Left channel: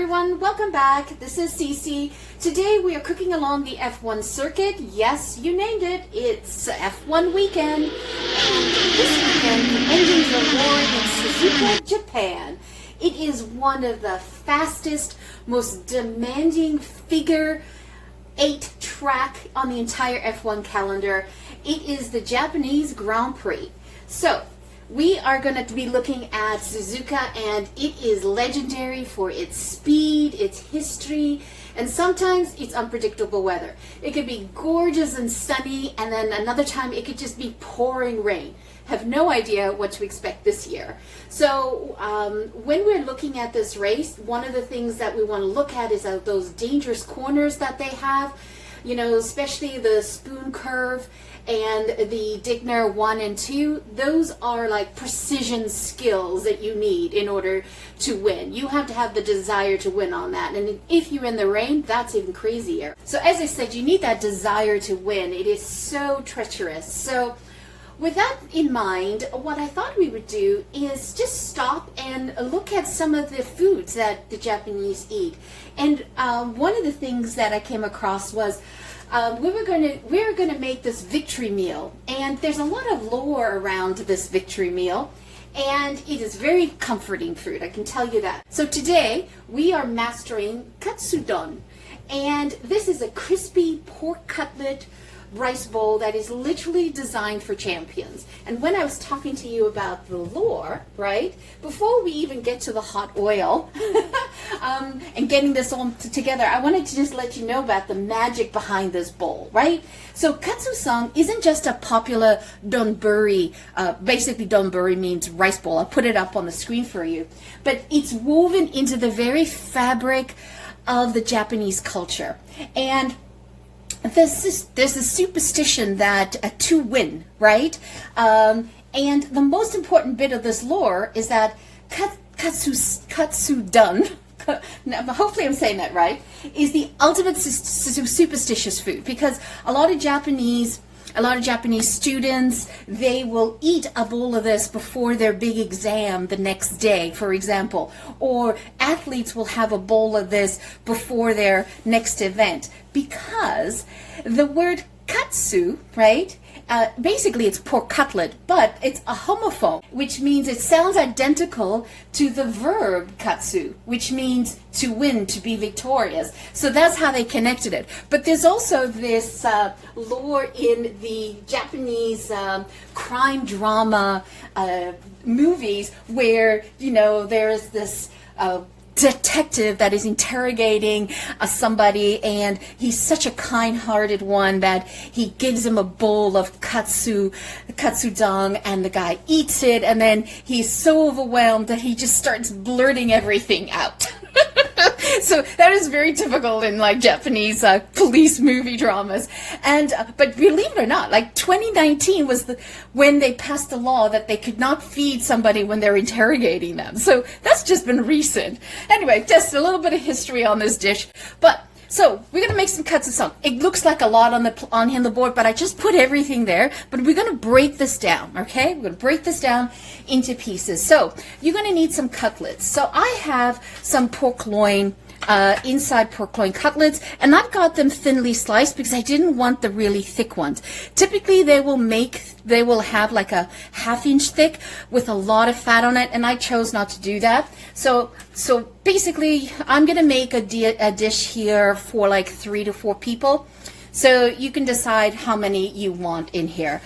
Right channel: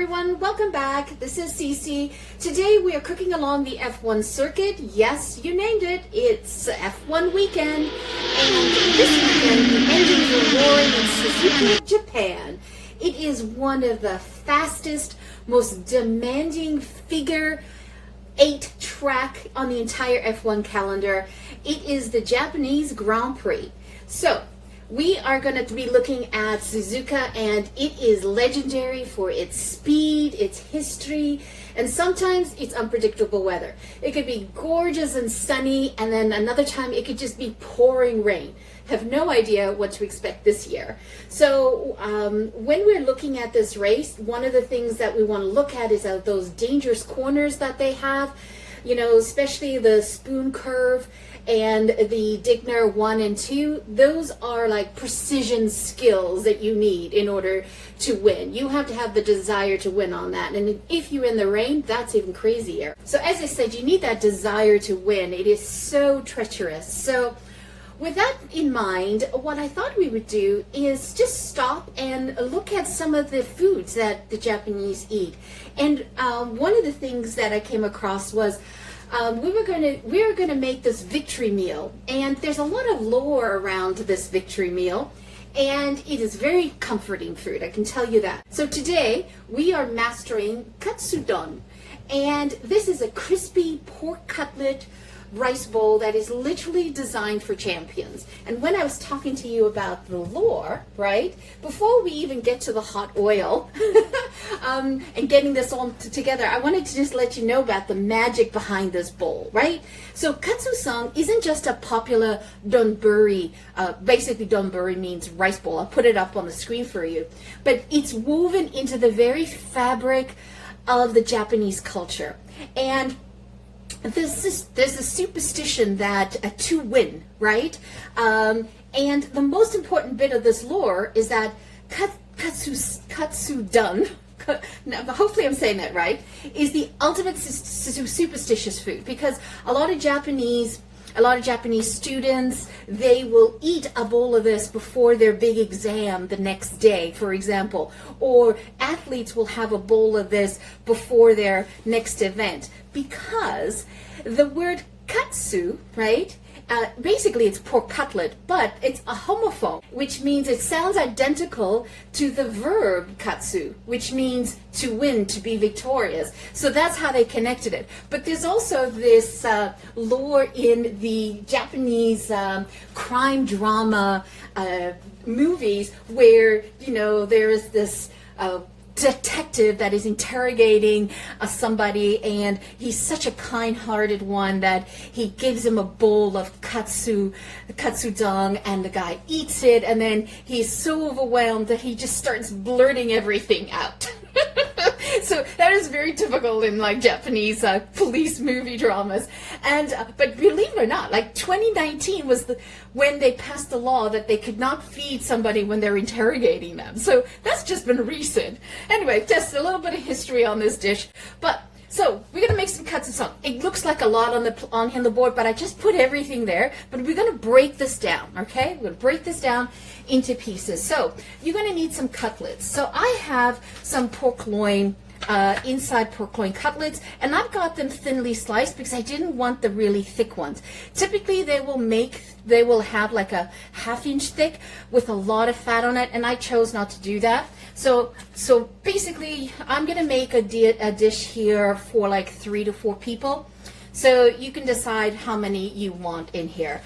everyone, welcome back. This is Cece. Today we are cooking along the F1 circuit. Yes, you named it. It's F1 weekend. And this weekend the engines are roaring in Suzuka, Japan. It is one of the fastest, most demanding figure 8 track on the entire F1 calendar. It is the Japanese Grand Prix. So we are going to be looking at Suzuka, and it is legendary for its speed, its history, and sometimes it's unpredictable weather. It could be gorgeous and sunny, and then another time it could just be pouring rain. Have no idea what to expect this year. So when we're looking at this race, one of the things that we want to look at is those dangerous corners that they have, you know, especially the spoon curve and the Digner 1 and 2. Those are like precision skills that you need in order to win. You have to have the desire to win on that. And if you're in the rain, that's even crazier. So as I said, you need that desire to win. It is so treacherous. So with that in mind, what I thought we would do is just stop and look at some of the foods that the Japanese eat. And one of the things that I came across was we're going to make this victory meal, and there's a lot of lore around this victory meal, and it is very comforting food, I can tell you that. So today we are mastering Katsudon, and this is a crispy pork cutlet rice bowl that is literally designed for champions. And when I was talking to you about the lore, right, before we even get to the hot oil and getting this all together, I wanted to just let you know about the magic behind this bowl, right? So katsu-san isn't just a popular donburi, basically donburi means rice bowl. I'll put it up on the screen for you, but it's woven into the very fabric of the Japanese culture. And there's a superstition that to win, right? And the most important bit of this lore is that Katsudon, hopefully I'm saying that right, is the ultimate superstitious food, because a lot of Japanese students, they will eat a bowl of this before their big exam the next day, for example, or athletes will have a bowl of this before their next event, because the word katsu, right, basically it's pork cutlet, but it's a homophone, which means it sounds identical to the verb katsu, which means to win, to be victorious. So that's how they connected it. But there's also this lore in the Japanese crime drama movies where, you know, there is this detective that is interrogating somebody, and he's such a kind-hearted one that he gives him a bowl of katsudon, and the guy eats it, and then he's so overwhelmed that he just starts blurting everything out. So that is very typical in like Japanese police movie dramas. And but believe it or not, like 2019 was when they passed the law that they could not feed somebody when they're interrogating them. So that's just been recent. Anyway, just a little bit of history on this dish. But so we're gonna make some katsu-san. It looks like a lot on the board, but I just put everything there. But we're gonna break this down, okay? We're gonna break this down into pieces. So you're gonna need some cutlets. So I have some pork loin, inside pork loin cutlets, and I've got them thinly sliced because I didn't want the really thick ones. Typically they will have like a half-inch thick with a lot of fat on it, and I chose not to do that. So basically I'm gonna make a dish here for like 3 to 4 people. So you can decide how many you want in here.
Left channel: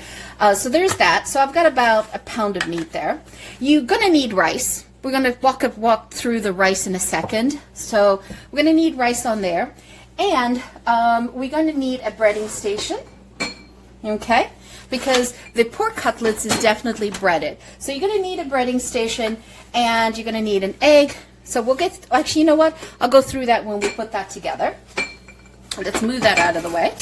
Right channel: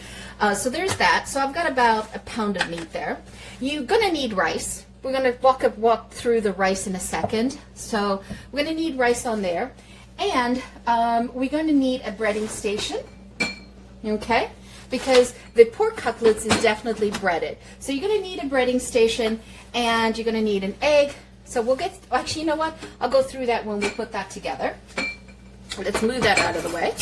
So there's that. So I've got about a pound of meat there. You're gonna need rice. We're going to walk through the rice in a second. So we're going to need rice on there. And we're going to need a breading station, okay? Because the pork cutlets is definitely breaded. So you're going to need a breading station, and you're going to need an egg. So we'll get, actually, you know what? I'll go through that when we put that together. Let's move that out of the way.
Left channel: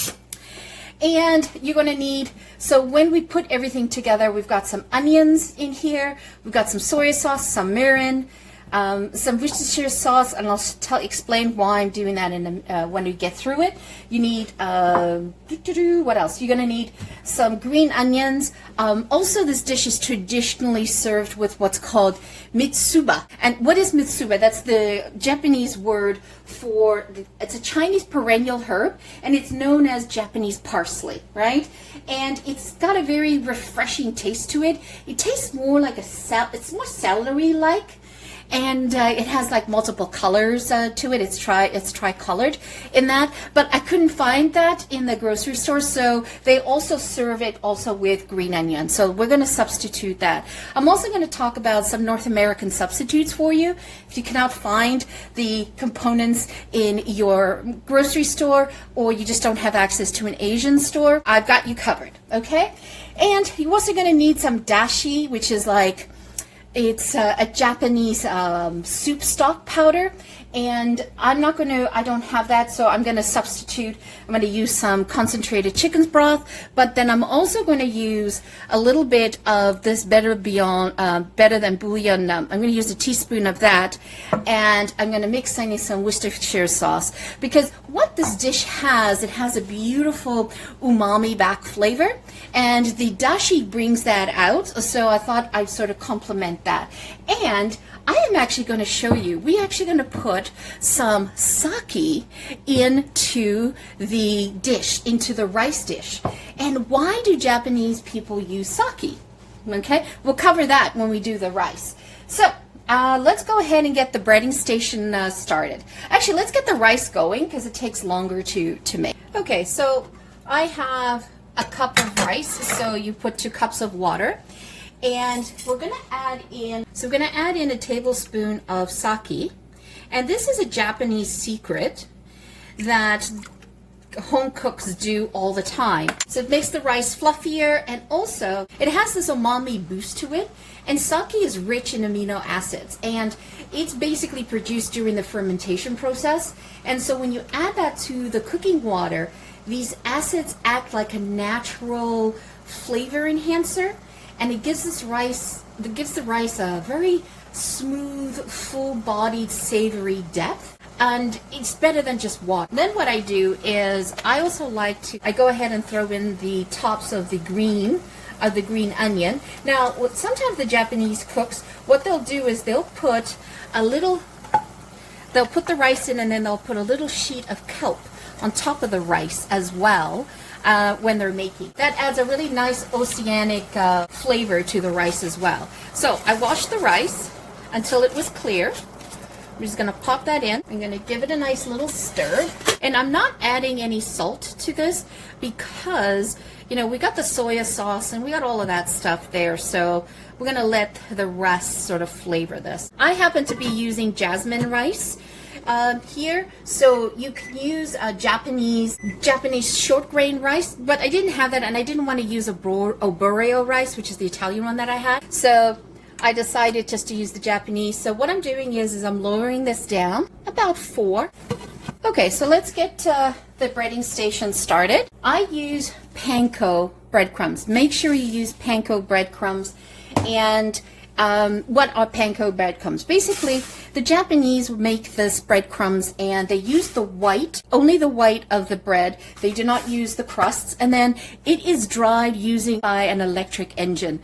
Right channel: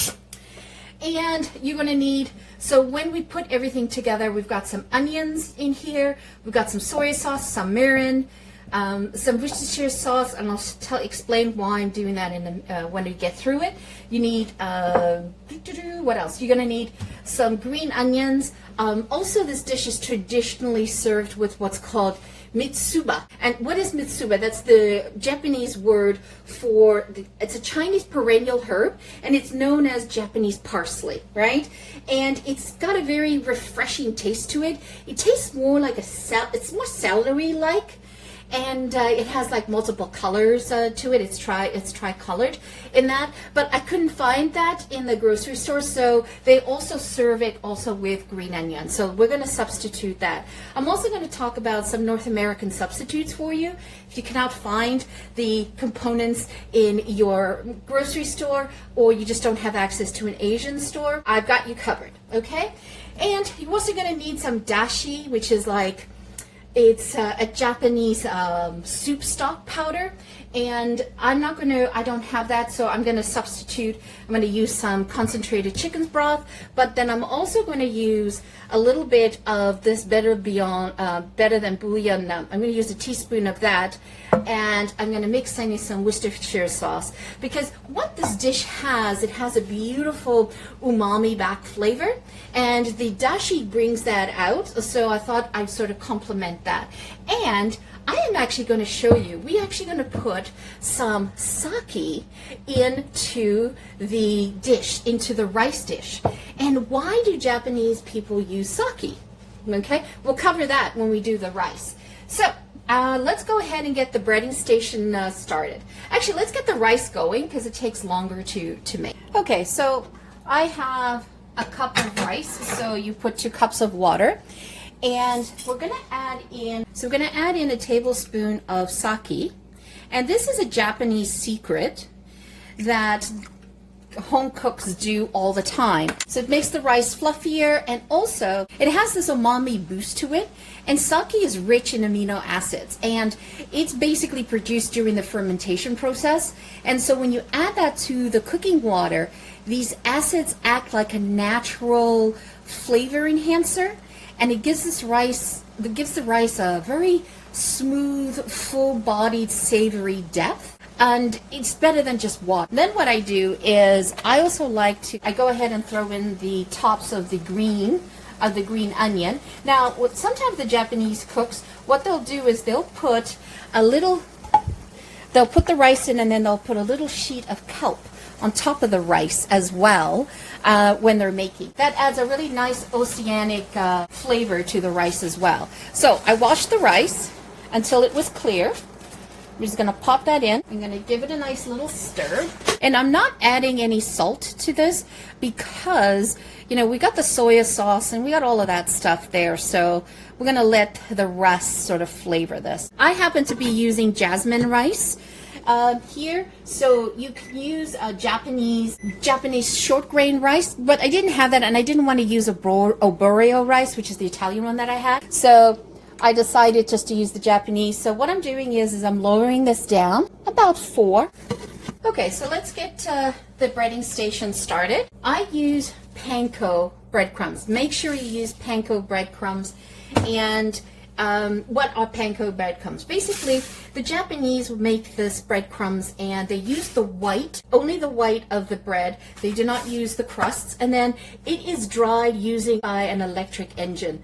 And you're going to need, so when we put everything together, we've got some onions in here, we've got some soy sauce, some mirin, some Worcestershire sauce, and I'll explain why I'm doing that when we get through it. You need, what else? You're going to need some green onions. Also, this dish is traditionally served with what's called mitsuba. And what is mitsuba? That's the Japanese word for, it's a Chinese perennial herb, and it's known as Japanese parsley, right? And it's got a very refreshing taste to it. It tastes more like it's more celery-like. And it has like multiple colors to it. It's tri-colored in that, but I couldn't find that in the grocery store. So they also serve it also with green onion. So we're going to substitute that. I'm also going to talk about some North American substitutes for you. If you cannot find the components in your grocery store, or you just don't have access to an Asian store, I've got you covered. Okay, and you're also going to need some dashi, which is like, it's a Japanese soup stock powder, and I don't have that, so I'm going to substitute. I'm going to use some concentrated chicken broth, but then I'm also going to use a little bit of this better than bouillon. I'm going to use a teaspoon of that, and I'm going to mix in some Worcestershire sauce, because what this dish has, it has a beautiful umami back flavor, and the dashi brings that out, so I thought I'd sort of complement that. And I am actually going to show you, we're actually going to put some sake into the dish, into the rice dish. And why do Japanese people use sake? Okay, we'll cover that when we do the rice. So let's go ahead and get the breading station started. Actually, let's get the rice going because it takes longer to make. Okay, so I have a cup of rice, so you put 2 cups of water. And we're going to add in a tablespoon of sake. And this is a Japanese secret that home cooks do all the time. So it makes the rice fluffier, and also it has this umami boost to it. And sake is rich in amino acids, and it's basically produced during the fermentation process. And so when you add that to the cooking water, these acids act like a natural flavor enhancer. And it gives the rice a very smooth, full-bodied, savory depth. And it's better than just water. Then what I do is I also I go ahead and throw in the tops of the green onion. Now, sometimes the Japanese cooks, what they'll do is they'll put the rice in, and then they'll put a little sheet of kelp on top of the rice as well. When they're making. That adds a really nice oceanic flavor to the rice as well. So I washed the rice until it was clear. I'm just going to pop that in. I'm going to give it a nice little stir. And I'm not adding any salt to this because, we got the soya sauce and we got all of that stuff there. So we're going to let the rest sort of flavor this. I happen to be using jasmine rice here, so you can use Japanese short grain rice, but I didn't have that, and I didn't want to use Oborio rice, which is the Italian one that I had, so I decided just to use the Japanese. So what I'm doing is I'm lowering this down about 4. Okay, so let's get the breading station started. I use Panko breadcrumbs. Make sure you use Panko breadcrumbs. And what are Panko breadcrumbs? Basically, the Japanese make this breadcrumbs, and they use only the white of the bread. They do not use the crusts, and then it is dried by an electric engine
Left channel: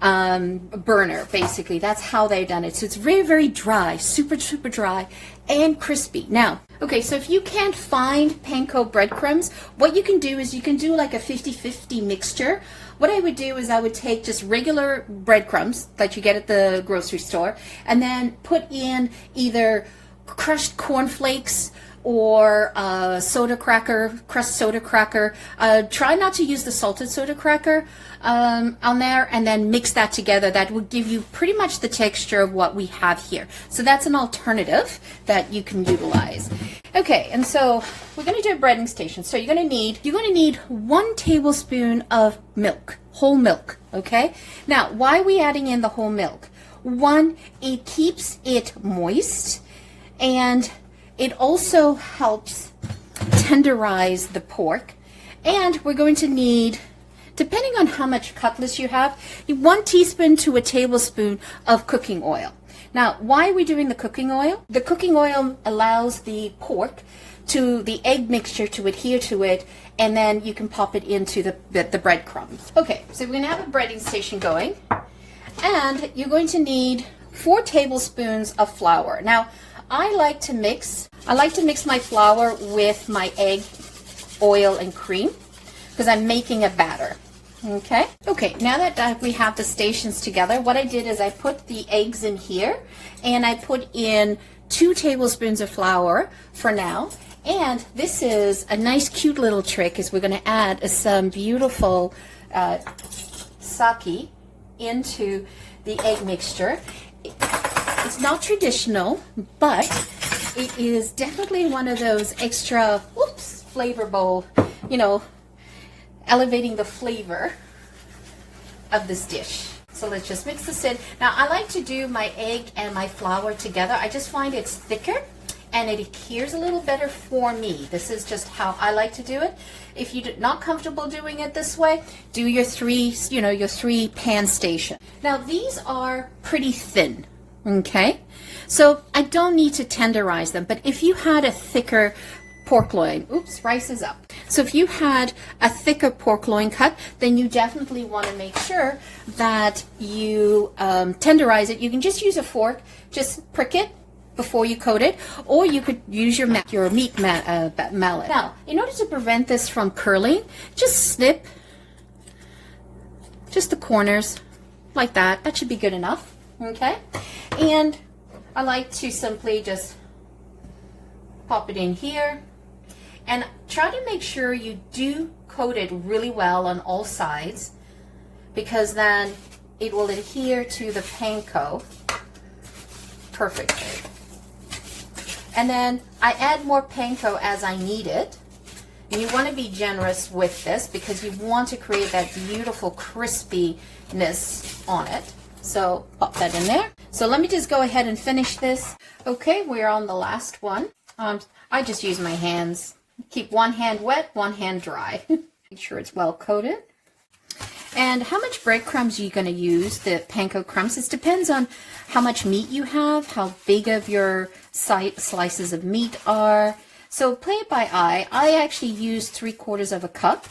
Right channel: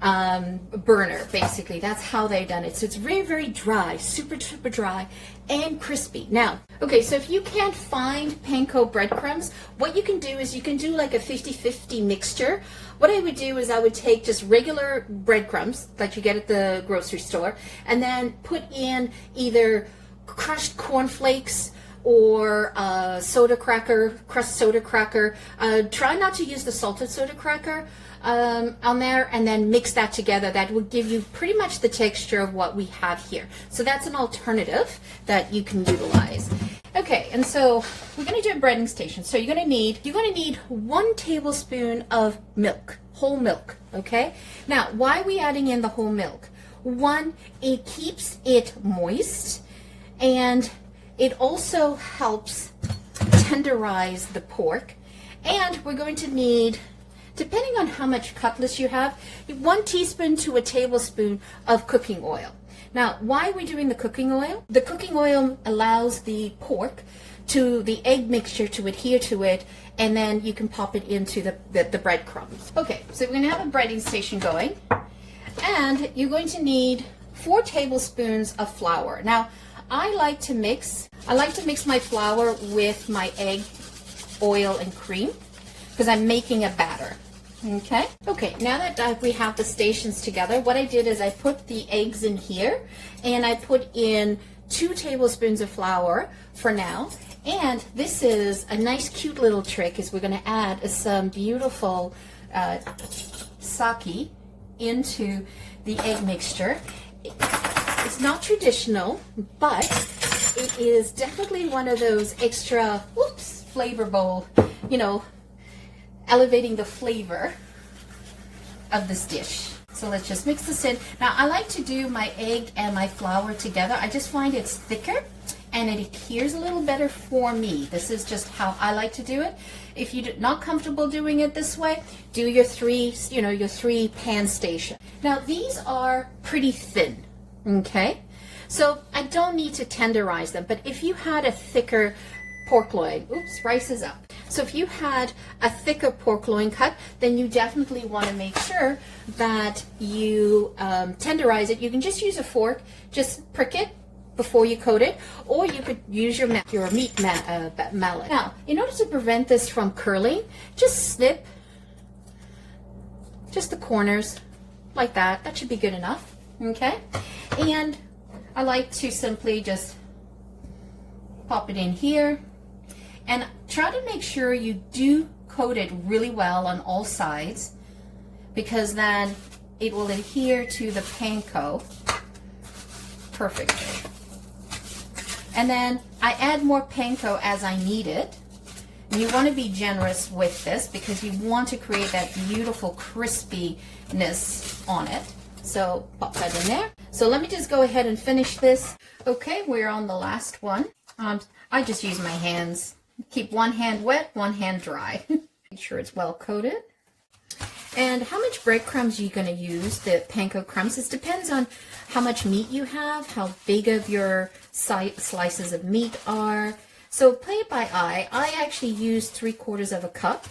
burner. Basically, that's how they've done it. So it's very, very dry, super dry and crispy. Now, okay, so if you can't find Panko breadcrumbs, what you can do is you can do like a 50-50 mixture. What I would do is I would take just regular breadcrumbs that you get at the grocery store, and then put in either crushed cornflakes or crushed soda cracker. Try not to use the salted soda cracker on there, and then mix that together. That will give you pretty much the texture of what we have here. So that's an alternative that you can utilize. Okay, and so we're going to do a breading station. So you're going to need 1 tablespoon of milk, whole milk. Okay. Now, why are we adding in the whole milk? 1, it keeps it moist, and it also helps tenderize the pork. And we're going to need, depending on how much cutlets you have, 1 teaspoon to a tablespoon of cooking oil. Now, why are we doing the cooking oil? The cooking oil allows the pork to the egg mixture to adhere to it, and then you can pop it into the breadcrumbs. Okay, so we're gonna have a breading station going, and you're going to need 4 tablespoons of flour. Now, I like to mix my flour with my egg, oil, and cream because I'm making a batter. Okay, now that we have the stations together, what I did is I put the eggs in here, and I put in 2 tablespoons of flour for now. And this is a nice cute little trick, is we're going to add some beautiful sake into the egg mixture. It's not traditional, but it is definitely one of those extra flavorful, elevating the flavor of this dish. So let's just mix this in. Now, I like to do my egg and my flour together. I just find it's thicker and it adheres a little better for me. This is just how I like to do it. If you're not comfortable doing it this way, do your 3 pan station. Now, these are pretty thin, okay? So I don't need to tenderize them, but if you had a thicker pork loin, rice is up. So if you had a thicker pork loin cut, then you definitely want to make sure that you tenderize it. You can just use a fork, just prick it before you coat it, or you could use your meat mallet. Now, in order to prevent this from curling, just snip just the corners like that. That should be good enough, okay? And I like to simply just pop it in here, and try to make sure you do coat it really well on all sides, because then it will adhere to the panko perfectly. And then I add more panko as I need it. And you want to be generous with this because you want to create that beautiful crispiness on it. So pop that in there. So let me just go ahead and finish this. Okay, we're on the last one. I just use my hands. Keep one hand wet, one hand dry. Make sure it's well coated. And how much breadcrumbs are you going to use, the panko crumbs? This depends on how much meat you have, how big of your slices of meat are. So play it by eye. I actually use 3/4 of a cup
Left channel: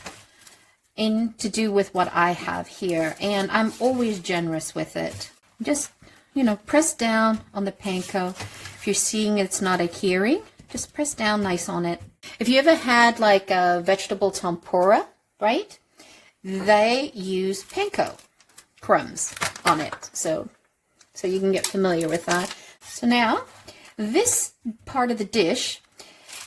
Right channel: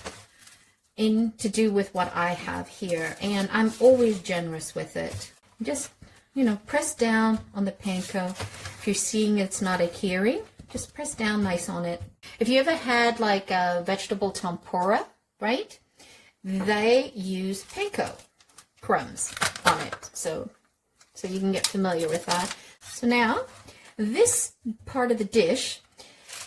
to do with what I have here. And I'm always generous with it. Just, press down on the panko. If you're seeing it's not adhering, just press down nice on it. If you ever had like a vegetable tempura, right? They use panko crumbs on it. So you can get familiar with that. So now, this part of the dish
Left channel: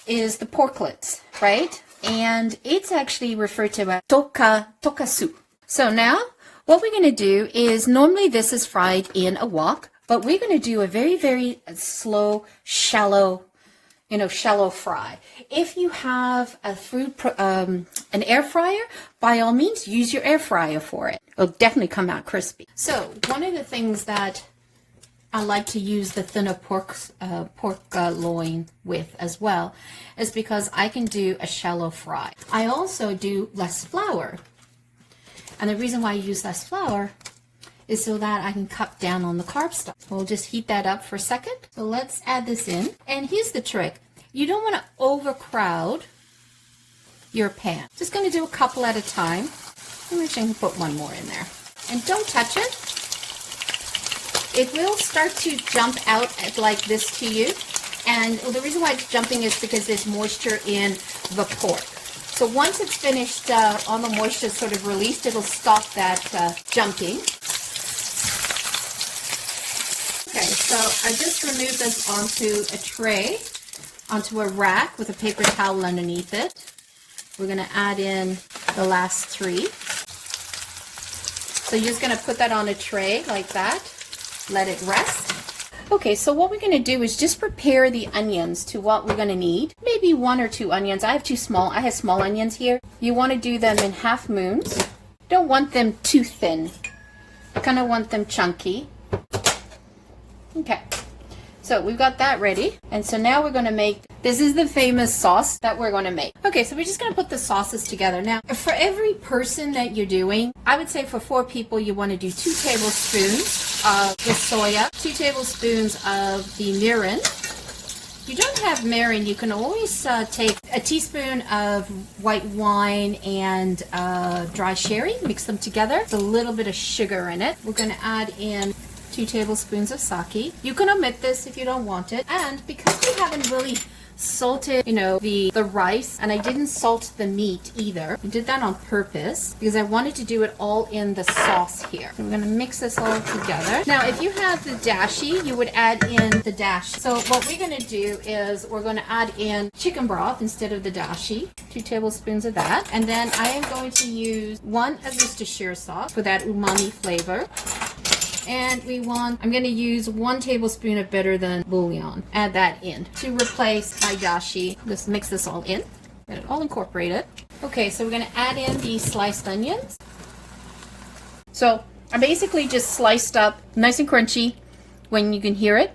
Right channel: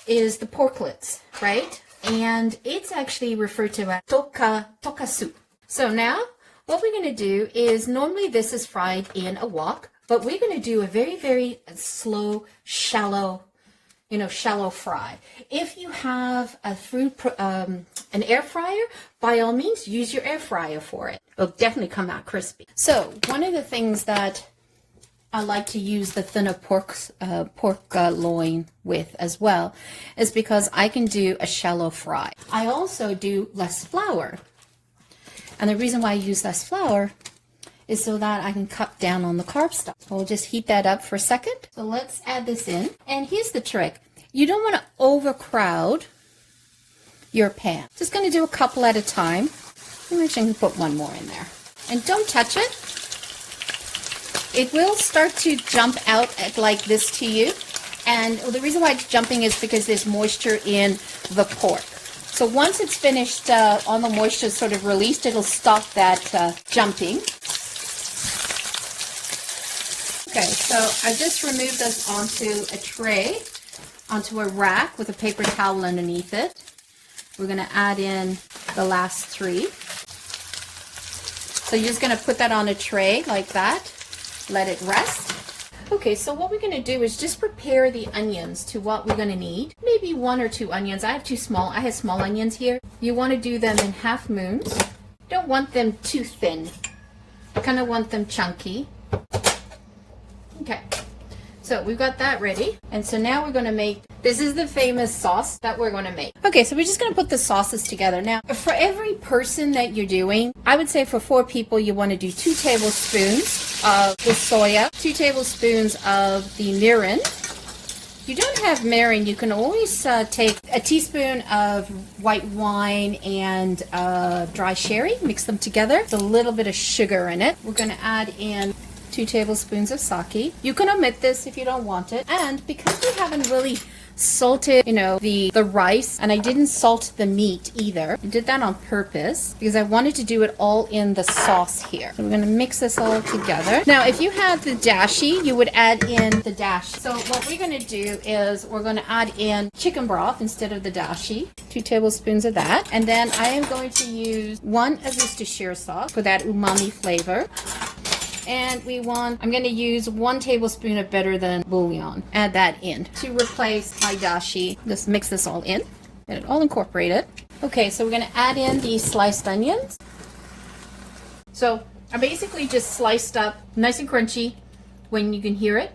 is the porklets, right? And it's actually referred to as Tonkatsu. So now, what we're going to do is, normally this is fried in a wok, but we're going to do a very, very slow, shallow fry. If you have an air fryer, by all means, use your air fryer for it. It'll definitely come out crispy. So one of the things that I like to use the thinner pork loin with as well is because I can do a shallow fry. I also do less flour. And the reason why I use less flour is so that I can cut down on the carb stuff. We'll just heat that up for a second. So let's add this in. And here's the trick. You don't want to overcrowd your pan. Just going to do a couple at a time. I'm actually going to put one more in there. And don't touch it. It will start to jump out like this to you. And the reason why it's jumping is because there's moisture in the pork. So once it's finished, all the moisture sort of released, it'll stop that jumping. Okay, so I just removed this onto a tray, onto a rack with a paper towel underneath it. We're going to add in the last 3. So you're just going to put that on a tray like that, let it rest. Okay, so what we're going to do is just prepare the onions to what we're going to need. Maybe 1 or 2 onions. I have small onions here. You want to do them in half moons. Don't want them too thin. I kind of want them chunky. Okay, So we've got that ready. And so now we're going to make, this is the famous sauce that we're going to make. Okay, so we're just going to put the sauces together. Now, for every person that you're doing, I would say for 4 people, you want to do 2 tablespoons of the soya, 2 tablespoons of the mirin. If you don't have mirin, you can always take a teaspoon of white wine and dry sherry, mix them together with a little bit of sugar in it. We're going to add in 2 tablespoons of sake. You can omit this if you don't want it. And because we haven't really salted, the rice, and I didn't salt the meat either. I did that on purpose because I wanted to do it all in the sauce here. So we're going to mix this all together. Now, if you have the dashi, you would add in the dashi. So what we're going to do is we're going to add in chicken broth instead of the dashi. 2 tablespoons of that. And then I am going to use 1 of Worcestershire sauce for that umami flavor. And I'm going to use 1 tablespoon of better than bouillon. Add that in to replace my dashi. Just mix this all in. Get it all incorporated. Okay, so we're going to add in the sliced onions. So I basically just sliced up nice and crunchy when you can hear it.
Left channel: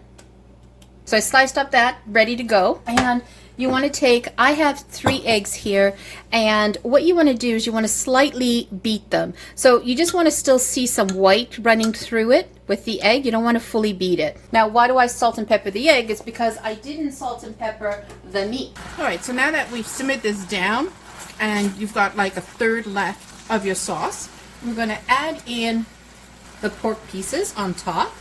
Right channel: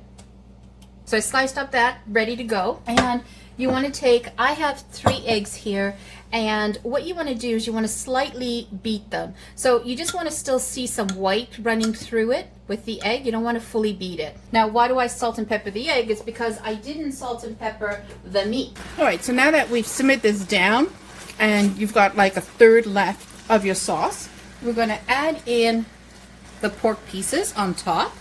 So I sliced up that, ready to go. And you want to take, I have 3 eggs here, and what you want to do is you want to slightly beat them. So you just want to still see some white running through it with the egg. You don't want to fully beat it. Now, why do I salt and pepper the egg? It's because I didn't salt and pepper the meat. All right, so now that we've simmered this down and you've got like a third left of your sauce, we're going to add in the pork pieces on top.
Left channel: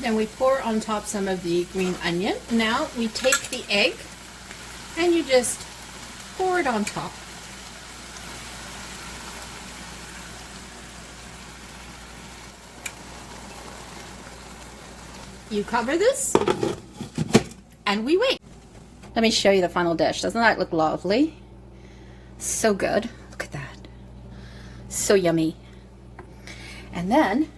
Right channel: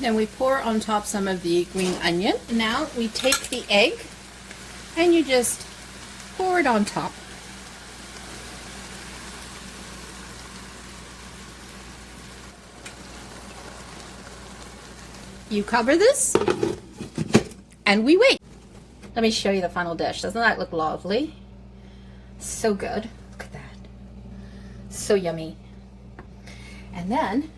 Then we pour on top some of the green onion. Now we take the egg and you just pour it on top. You cover this and we wait. Let me show you the final dish. Doesn't that look lovely? So good. Look at that. So yummy. And then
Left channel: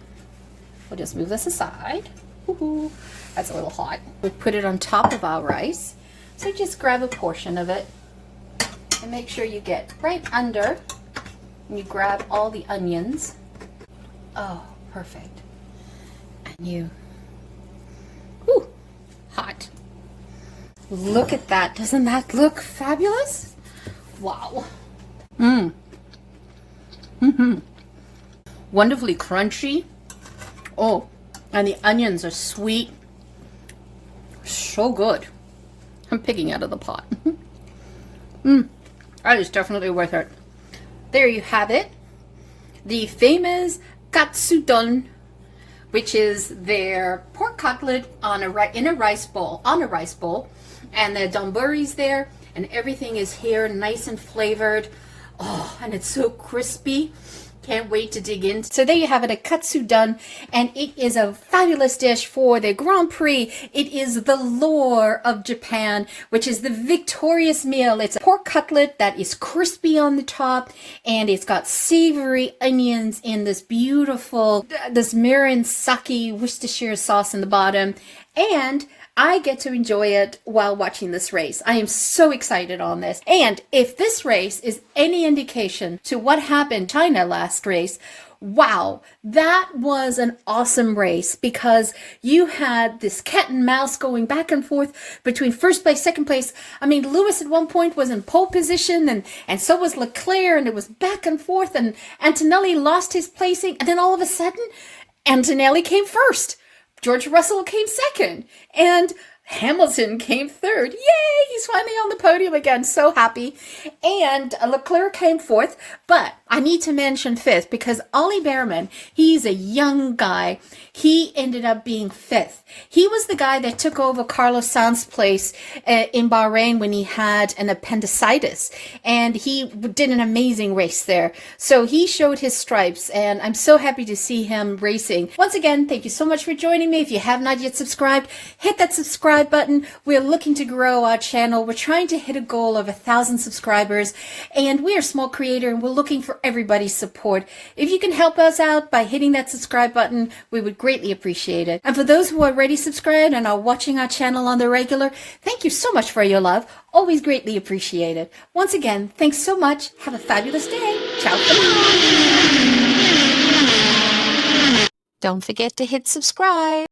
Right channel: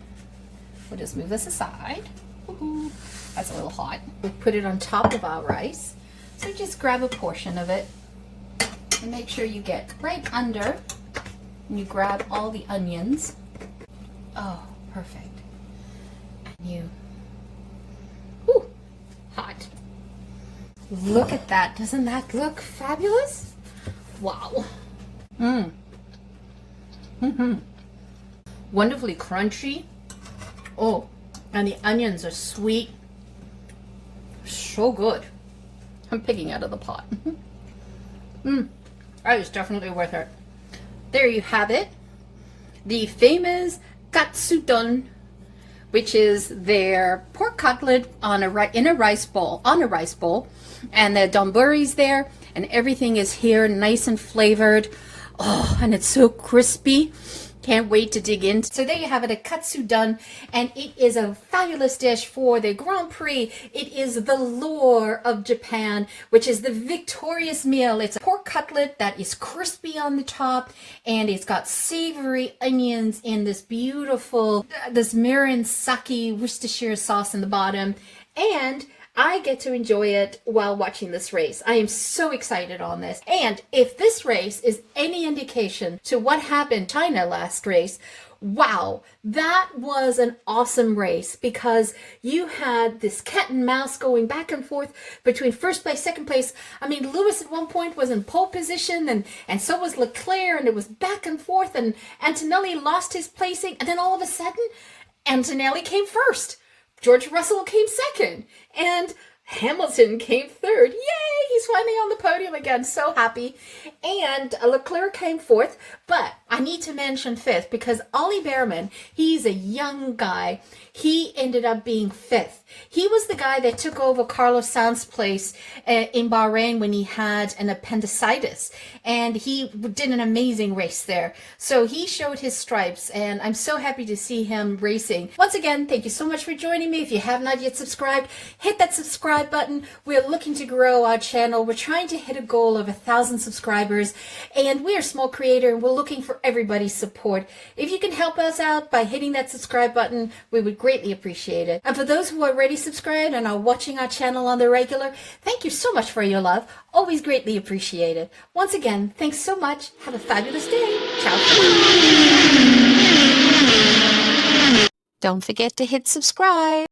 we'll just move this aside. Ooh, that's a little hot. We put it on top of our rice. So just grab a portion of it and make sure you get right under and you grab all the onions. Oh, perfect. And you, ooh, hot. Look at that. Doesn't that look fabulous? Wow. Wonderfully crunchy. Oh, and the onions are sweet. So good. I'm picking out of the pot. That is definitely worth it. There you have it. The famous Katsudon, which is their pork cutlet in a rice bowl, and the Donburi's there, and everything is here nice and flavored. Oh, and it's so crispy. Can't wait to dig in. So there you have it, a Katsudon, and it is a fabulous dish for the Grand Prix. It is the lore of Japan, which is the victorious meal. It's a pork cutlet that is crispy on the top, and it's got savory onions in this beautiful, this Mirin sake Worcestershire sauce in the bottom, and I get to enjoy it while watching this race. I am so excited on this. And if this race is any indication to what happened in China last race, wow, that was an awesome race because you had this cat and mouse going back and forth between first place, second place. I mean, Lewis at one point was in pole position and so was Leclerc, and it was back and forth, and Antonelli lost his placing, and then all of a sudden, Antonelli came first. George Russell came second, and Hamilton came third. Yay! He's finally on the podium again. So happy. And Leclerc came fourth, but I need to mention fifth because Ollie Behrman, he's a young guy. He ended up being fifth. He was the guy that took over Carlos Sainz's place in Bahrain when he had an appendicitis, and he did an amazing race there. So he showed his stripes, and I'm so happy to see him racing. Once again, thank you so much for joining me. If you have not yet subscribed, hit that subscribe button. We're looking to grow our channel. We're trying to hit a goal of 1,000 subscribers, and we are a small creator, and we're looking for everybody's support. If you can help us out by hitting that subscribe button, we would greatly appreciate it. And for those who are already subscribed and are watching our channel on the regular, thank you so much for your love. Always greatly appreciated. Once again, thanks so much. Have a fabulous day. Ciao. Don't forget to hit subscribe.